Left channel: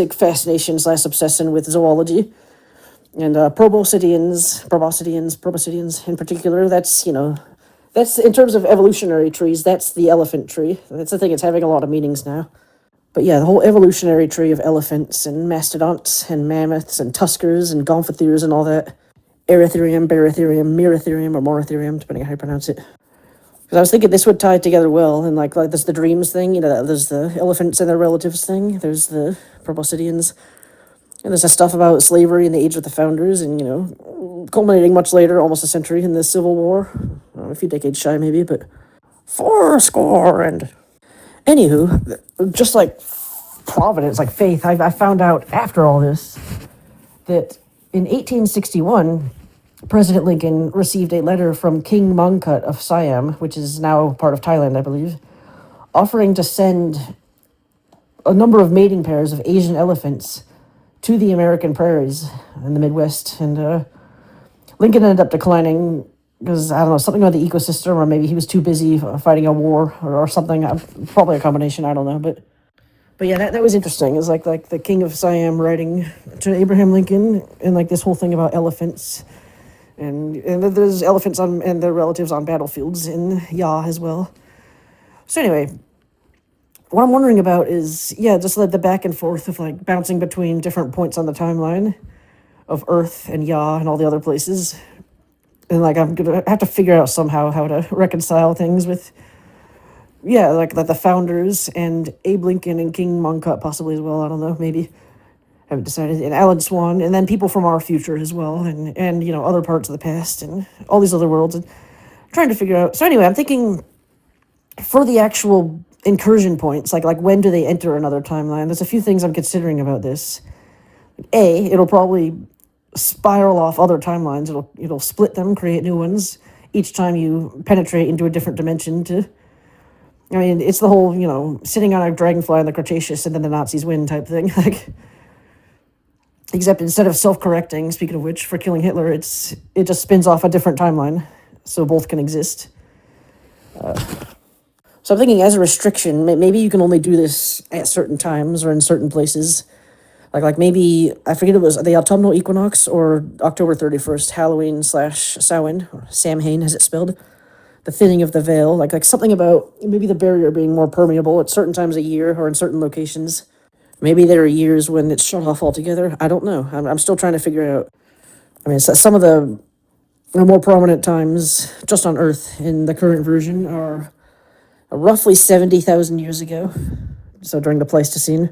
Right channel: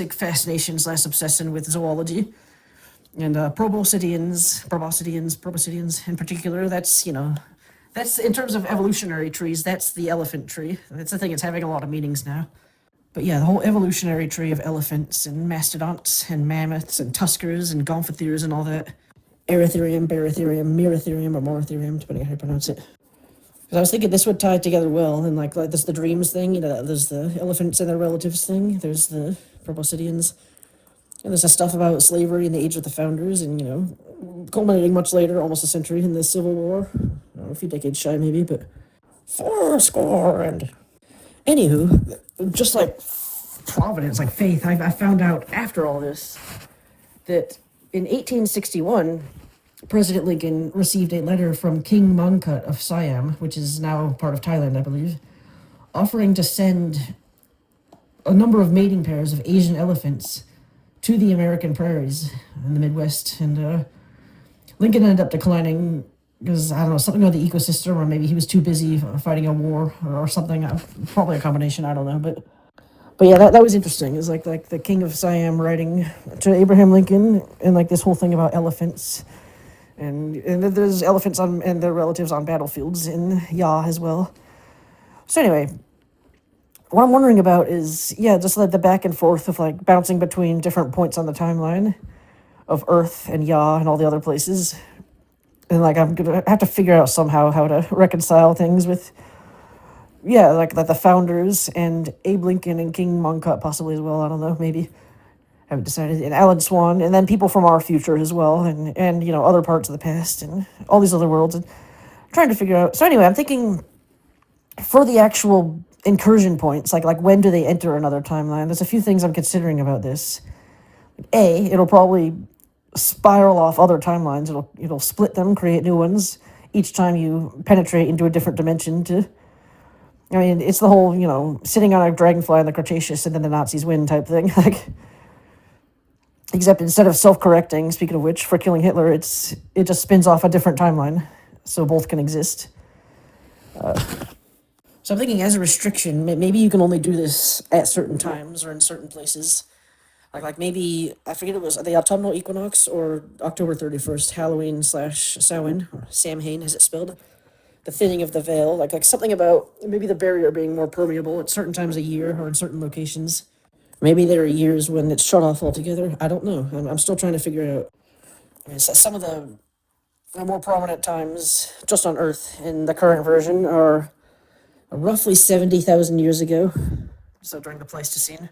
big fascination / obsession with zoology. And proboscideans in particular, that's in terms of evolutionary trees, that's the elephant tree. That's the thing, it's having a lot of meanings now. But yeah, the whole evolutionary tree of elephants and mastodonts and mammoths and tuskers and gomphotheres and all that. Erytherium, Barytherium, Merytherium, or Moratherium, depending on how you pronounce it. Because I was thinking this would tie together well, and like there's the dreams thing, there's the elephants and their relatives thing, there's the proboscideans, and there's the stuff about slavery and the age of the founders, and culminating much later, almost a century, in the Civil War. A few decades shy, maybe, but 4 and anywho, just like providence, like faith, I found out after all this that in 1861, President Lincoln received a letter from King Mongkut of Siam, which is now part of Thailand, I believe, offering to send a number of mating pairs of Asian elephants to the American prairies in the Midwest. And Lincoln ended up declining because, I don't know, something about the ecosystem, or maybe he was too busy fighting a war or something. Probably a combination, I don't know. But yeah, that was interesting. It was like the King of Siam writing to Abraham Lincoln, and like this whole thing about elephants. And there's elephants and their relatives on battlefields in Ya as well. So anyway, what I'm wondering about is, just like the back and forth of like bouncing between different points on the timeline of Earth and Ya and all the other places. And like I'm gonna have to figure out somehow how to reconcile things with, like the founders and Abe Lincoln and King Mongkut possibly as well. I don't know, maybe. Haven't decided. And Alan Swan, and then people from our future as well, and other parts of the past, and all these other worlds, and trying to figure out. So anyway, I'm thinking for the actual incursion points, like when do they enter another timeline? There's a few things I'm considering about this. It'll probably spiral off other timelines. It'll split them, create new ones each time you penetrate into a different dimension. It's the whole sitting on a dragonfly in the Cretaceous and then the Nazis win type thing. Except instead of self-correcting, speaking of which, for killing Hitler, it just spins off a different timeline, so both can exist. So I'm thinking, as a restriction, maybe you can only do this at certain times or in certain places. Like maybe, I forget, it was the autumnal equinox or October 31st, Halloween / Samhain, or Samhain as it's spelled. The thinning of the veil, like something about maybe the barrier being more permeable at certain times of year or in certain locations. Maybe there are years when it's shut off altogether. I don't know. I'm still trying to figure out. Some of the more prominent times just on Earth in the current version are roughly 70,000 years ago. So during the Pleistocene,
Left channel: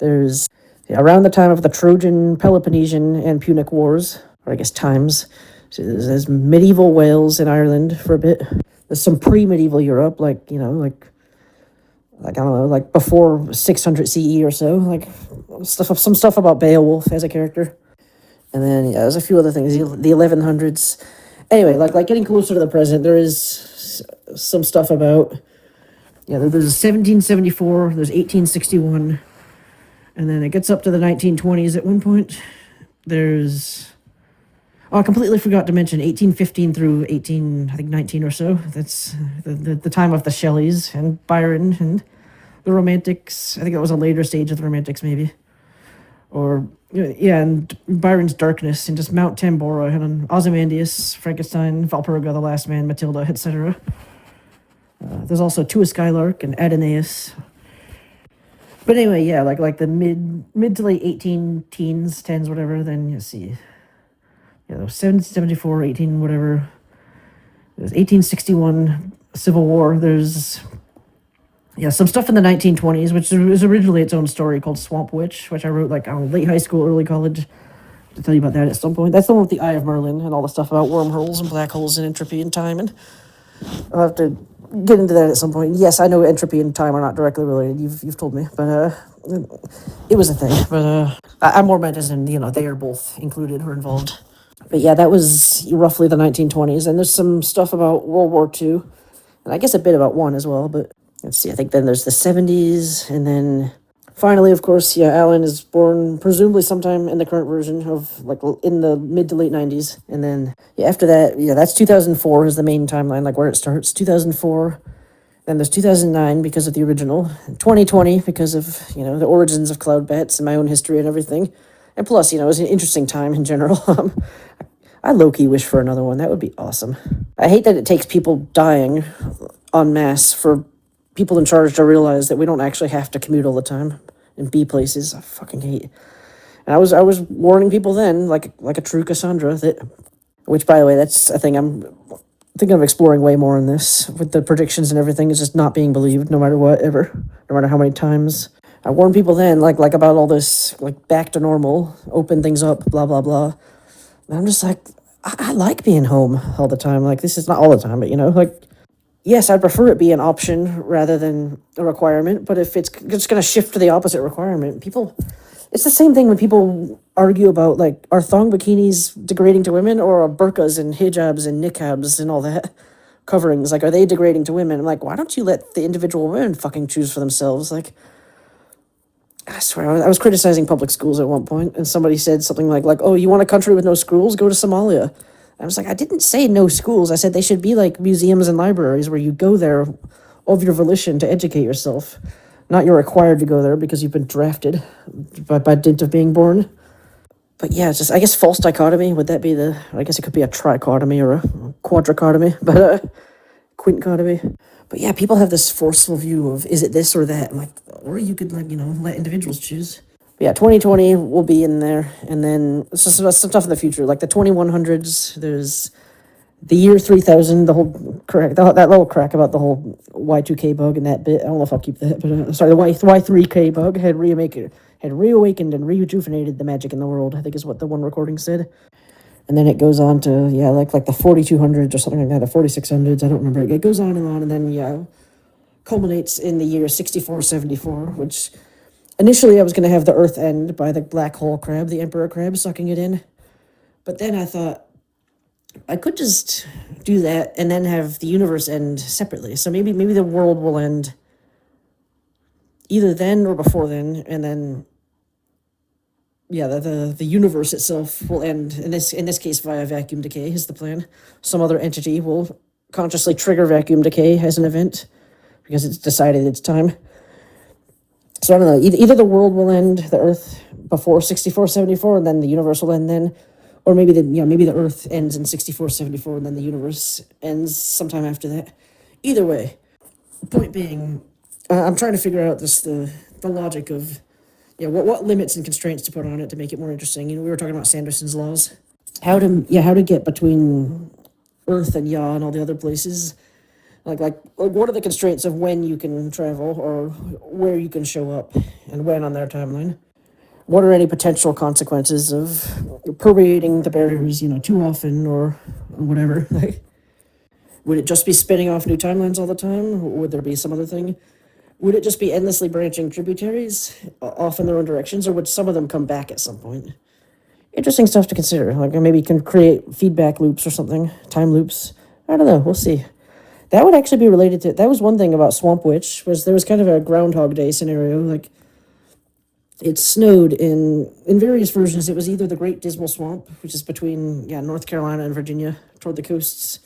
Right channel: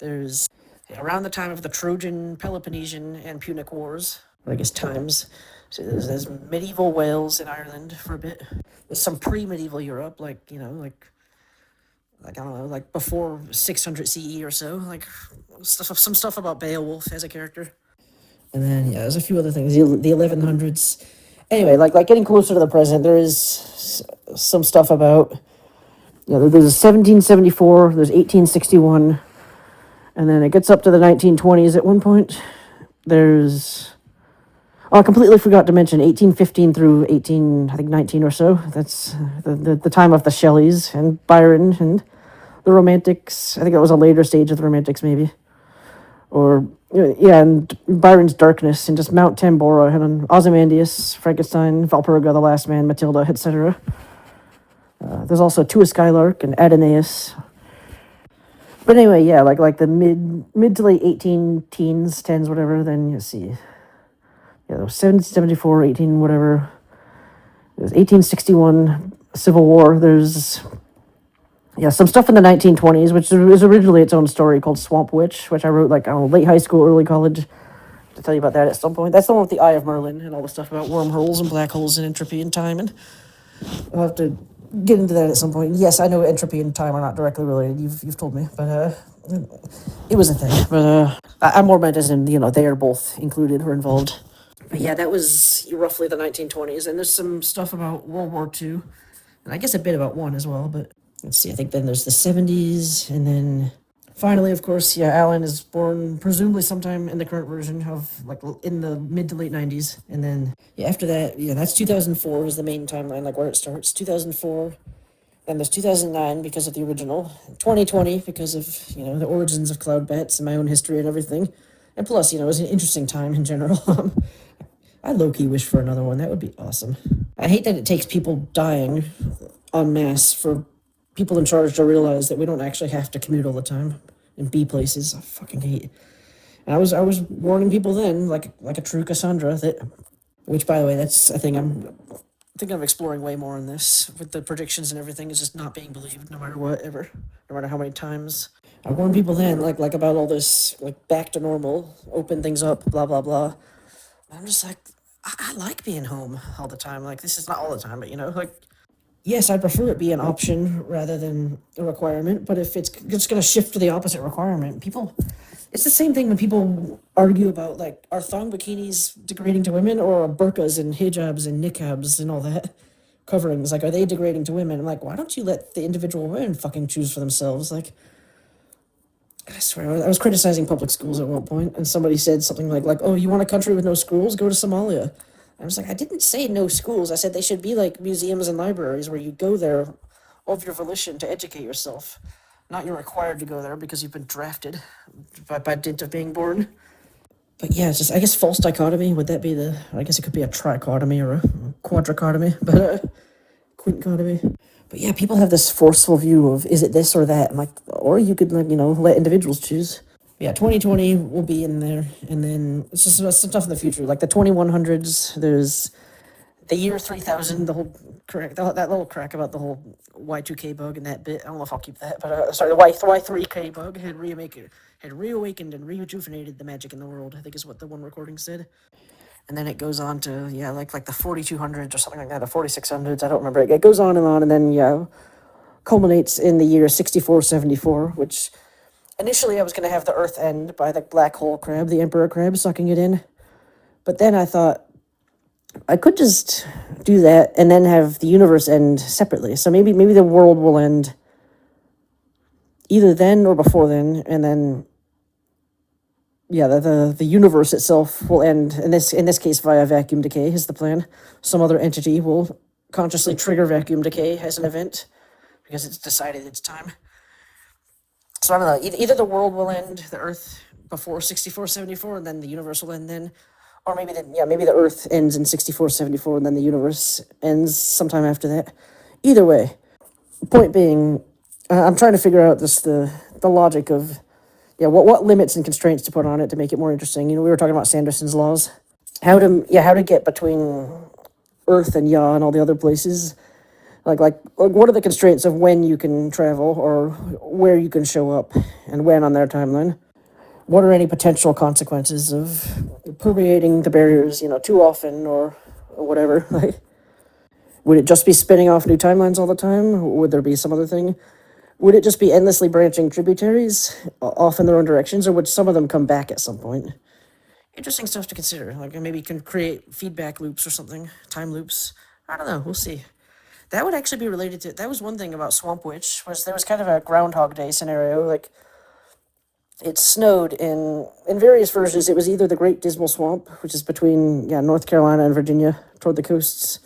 there's around the time of the Trojan, Peloponnesian, and Punic Wars, or I guess times. So there's medieval Wales in Ireland for a bit. There's some pre-medieval Europe, I don't know, like before 600 CE or so, like some stuff about Beowulf as a character. And then, there's a few other things, the 1100s. Anyway, like getting closer to the present, there is some stuff about, there's 1774, there's 1861, and then it gets up to the 1920s at one point. I completely forgot to mention 1815 through 19 or so. That's the time of the Shelleys and Byron and the Romantics. I think that was a later stage of the Romantics, maybe. Or, and Byron's Darkness, and just Mount Tambora, and Ozymandias, Frankenstein, Valperga, The Last Man, Matilda, etc. There's also To a Skylark and Adonais. But anyway, like the mid to late 18 teens, tens, whatever, then you see. 1774, 18, whatever. There's 1861 Civil War. There's some stuff in the 1920s, which is originally its own story called Swamp Witch, which I wrote late high school, early college. To tell you about that at some point. That's the one with the Eye of Merlin and all the stuff about wormholes and black holes and entropy and time. And I'll have to get into that at some point. Yes, I know entropy and time are not directly related. You've told me, but it was a thing. But I more meant as in they are both included or involved. But that was roughly the 1920s, and there's some stuff about World War II, and I guess a bit about one as well, but let's see, I think then there's the 70s, and then finally, of course, Alan is born presumably sometime in the current version of, in the mid to late 90s, and then, after that, that's 2004 is the main timeline, where it starts, 2004, Then there's 2009 because of the original, 2020 because of, the origins of cloud bats and my own history and everything. And plus, it was an interesting time in general. I low-key wish for another one. That would be awesome. I hate that it takes people dying en masse for people in charge to realize that we don't actually have to commute all the time and be places. I fucking hate. And I was warning people then, like a true Cassandra, which, by the way, that's a thing I'm thinking of exploring way more in this, with the predictions and everything. Is just not being believed, no matter what, ever, no matter how many times. I warned people then, like about all this, like back to normal, open things up, blah blah blah. And I'm just like, I like being home all the time. Like, this is not all the time, but like, yes, I'd prefer it be an option rather than a requirement. But if it's just going to shift to the opposite requirement, it's the same thing when people argue about, like, are thong bikinis degrading to women, or are burqas and hijabs and niqabs and all that coverings, like, are they degrading to women? I'm like, why don't you let the individual women fucking choose for themselves? Like, I swear, I was criticizing public schools at one point, and somebody said something like, oh, you want a country with no schools? Go to Somalia. I was like, I didn't say no schools. I said they should be like museums and libraries where you go there of your volition to educate yourself. Not you're required to go there because you've been drafted by dint of being born. But yeah, it's just, I guess, false dichotomy. Would that be I guess it could be a trichotomy or a quadrichotomy, but quinticotomy. But yeah, people have this forceful view of, is it this or that? I'm like, or you could, like, let individuals choose. But yeah, 2020 will be in there. And then some stuff in the future, like the 2100s, there's the year 3000, the whole crack, that little crack about the whole Y2K bug and that bit. I don't know if I'll keep that, but sorry, the Y3K bug had reawakened and rejuvenated the magic in the world, I think is what the one recording said. And then it goes on to, like the 4200s or something like that, the 4600s, I don't remember. It goes on, and then, culminates in the year 6474, which initially I was going to have the Earth end by the black hole crab, the emperor crab, sucking it in. But then I thought, I could just do that and then have the universe end separately. So maybe the world will end either then or before then, and then the universe itself will end, in this case via vacuum decay is the plan. Some other entity will consciously trigger vacuum decay as an event because it's decided it's time. So I don't know, either the world will end, the Earth, before 6474, and then the universe will end then, or maybe the Earth ends in 6474 and then the universe ends sometime after that. Either way, point being, I'm trying to figure out the logic of what limits and constraints to put on it to make it more interesting. We were talking about Sanderson's laws, how to get between Earth and Ya and all the other places. Like what are the constraints of when you can travel or where you can show up and when on their timeline? What are any potential consequences of permeating the barriers, too often or whatever? Like, would it just be spinning off new timelines all the time? Would there be some other thing? Would it just be endlessly branching tributaries off in their own directions, or would some of them come back at some point? Interesting stuff to consider. Like, maybe you can create feedback loops or something, time loops. I don't know. We'll see. That would actually be related to... That was one thing about Swamp Witch, was there was kind of a Groundhog Day scenario. Like, it snowed in various versions. It was either the Great Dismal Swamp, which is between North Carolina and Virginia, toward the coast.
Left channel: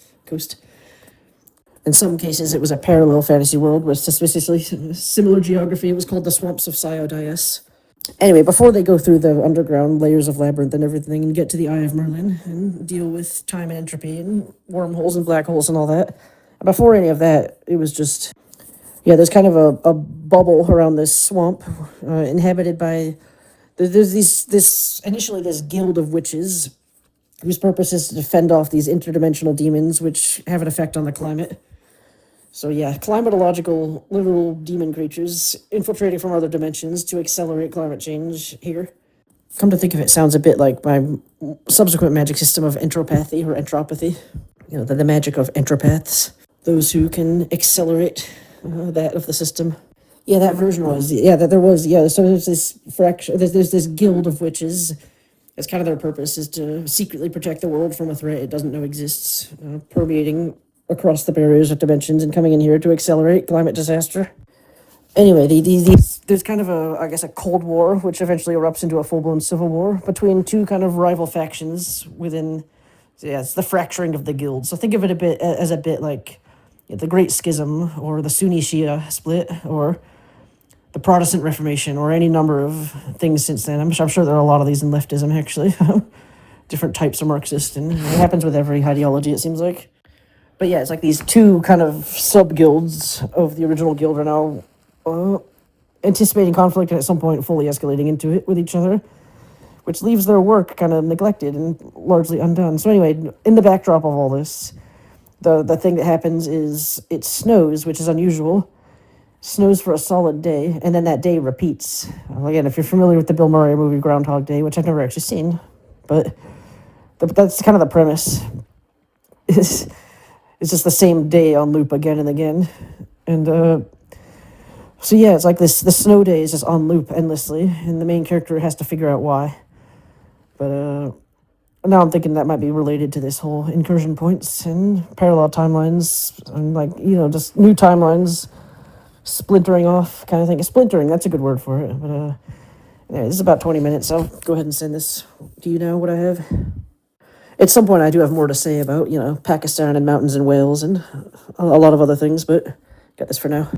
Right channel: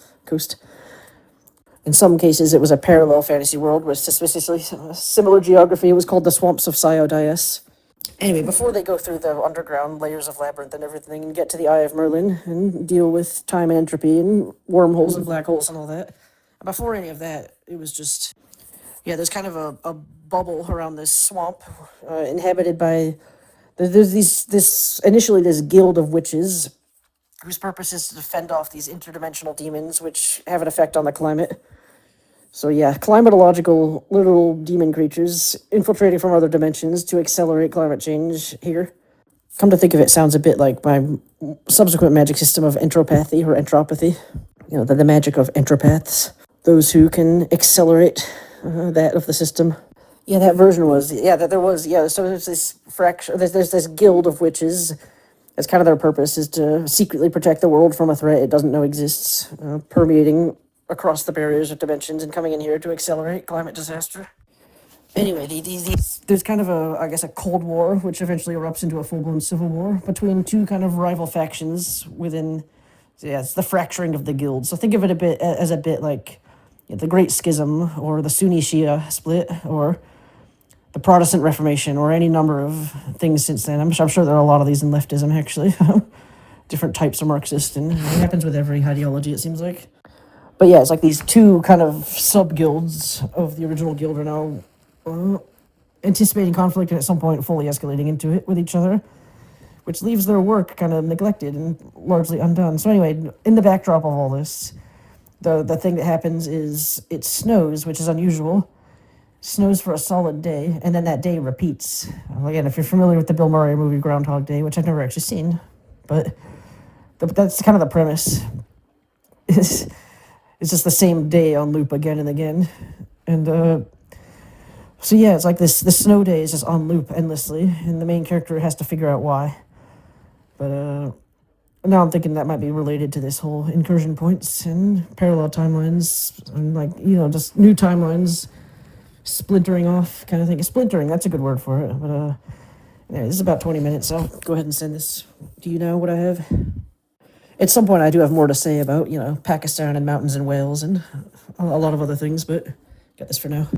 In some cases, it was a parallel fantasy world with suspiciously similar geography. It was called the Swamps of Siodias. Anyway, before they go through the underground layers of Labyrinth and everything and get to the Eye of Merlin and deal with time and entropy and wormholes and black holes and all that, before any of that, it was just... there's kind of a bubble around this swamp inhabited by... There's initially this guild of witches whose purpose is to fend off these interdimensional demons which have an effect on the climate. So climatological literal demon creatures infiltrating from other dimensions to accelerate climate change here. Come to think of it, sounds a bit like my subsequent magic system of entropathy or entropathy. The magic of entropaths. Those who can accelerate that of the system. That version was, that there was, so there's this fraction, there's this guild of witches. That's kind of their purpose, is to secretly protect the world from a threat it doesn't know exists, permeating across the barriers of dimensions and coming in here to accelerate climate disaster. Anyway, there's kind of a Cold War, which eventually erupts into a full-blown civil war between two kind of rival factions within, it's the fracturing of the guild. So think of it a bit like the Great Schism, or the Sunni Shia split, or the Protestant Reformation, or any number of things since then. I'm sure there are a lot of these in leftism, actually. Different types of Marxist, and it happens with every ideology, it seems like. But yeah, it's like these two kind of sub-guilds of the original guild are now anticipating conflict and at some point fully escalating into it with each other, which leaves their work kind of neglected and largely undone. So anyway, in the backdrop of all this, the thing that happens is it snows, which is unusual. Snows for a solid day, and then that day repeats. Again, if you're familiar with the Bill Murray movie Groundhog Day, which I've never actually seen, but that's kind of the premise. It's just the same day on loop again and again. And so yeah, it's like the snow day is just on loop endlessly, and the main character has to figure out why. But now I'm thinking that might be related to this whole incursion points and parallel timelines, and like, just new timelines splintering off kind of thing. Splintering, that's a good word for it. But yeah, this is about 20 minutes. I'll go ahead and send this. Do you know what I have? At some point I do have more to say about, Pakistan and mountains and whales and a lot of other things, but got this for now.